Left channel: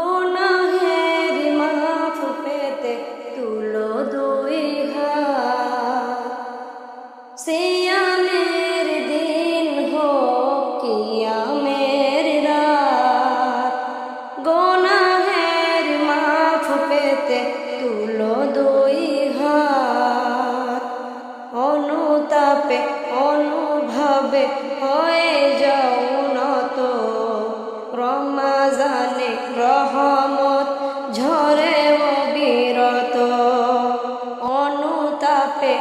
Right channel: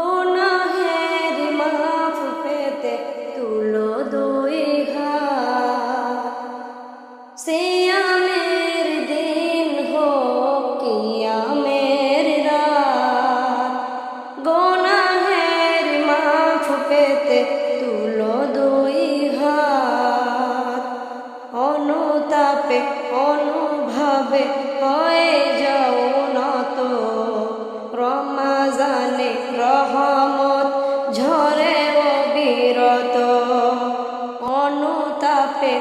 গুনাহের মাফ পেতে তুলো দুই হাত। সিয়ামের দিন হোক কিয়ামের রাত। গুনাহের মাফ পেতে তুলো দুই হাত। অনুতাপে, অনুভাবে হয়ে যাও রমাজানে রহমত, ঝরে অবিরত অনুতাপে,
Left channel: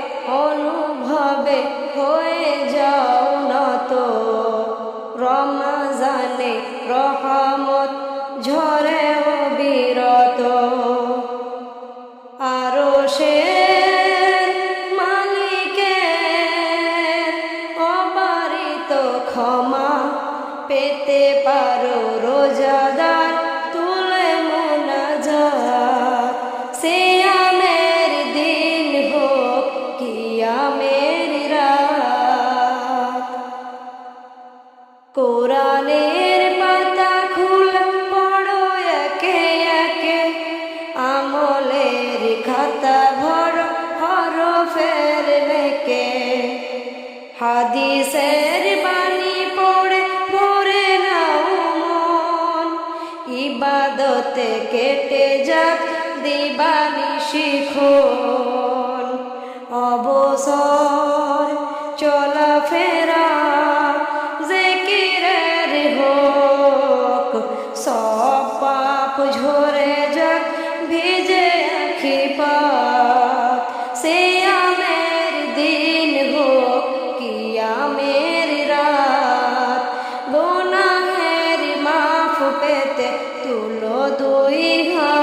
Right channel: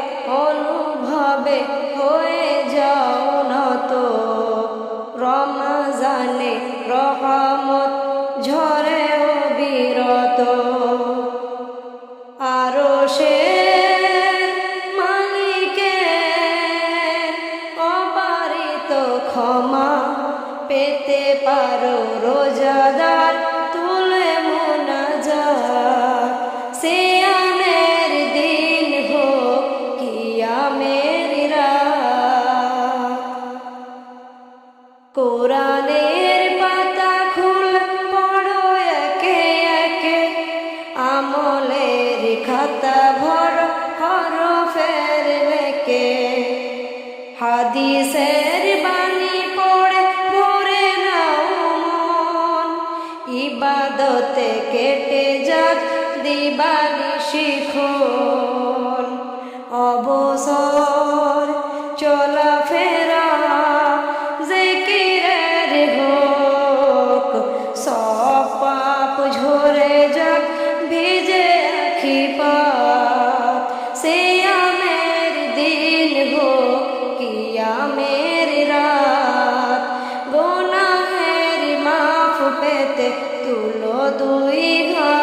অনুভবে হয়ে যাও নত রমাজানে রহমত, ঝরে অবিরত আরও শের মালিকের অবারিত ক্ষমা পেতে পারো রোজাদার, তুলে মোনা যা মোনাজাত। সিয়ামের দিন হোক, কিয়ামের রাত। কোরআনের পাতা খুল, পড়ো একে একে। আমলের খাতা ভর হর হরফের লেকে হাদিসের বাণী পড়ে ইবাদতে কেটে যাক দিবানি শিখন। অবসর, চলাফেরা, জিকিরের হোক, সব পাপ ঝরে যাক, ভিজে আখি পাত। সিয়ামের পেতে তুলো দুই হা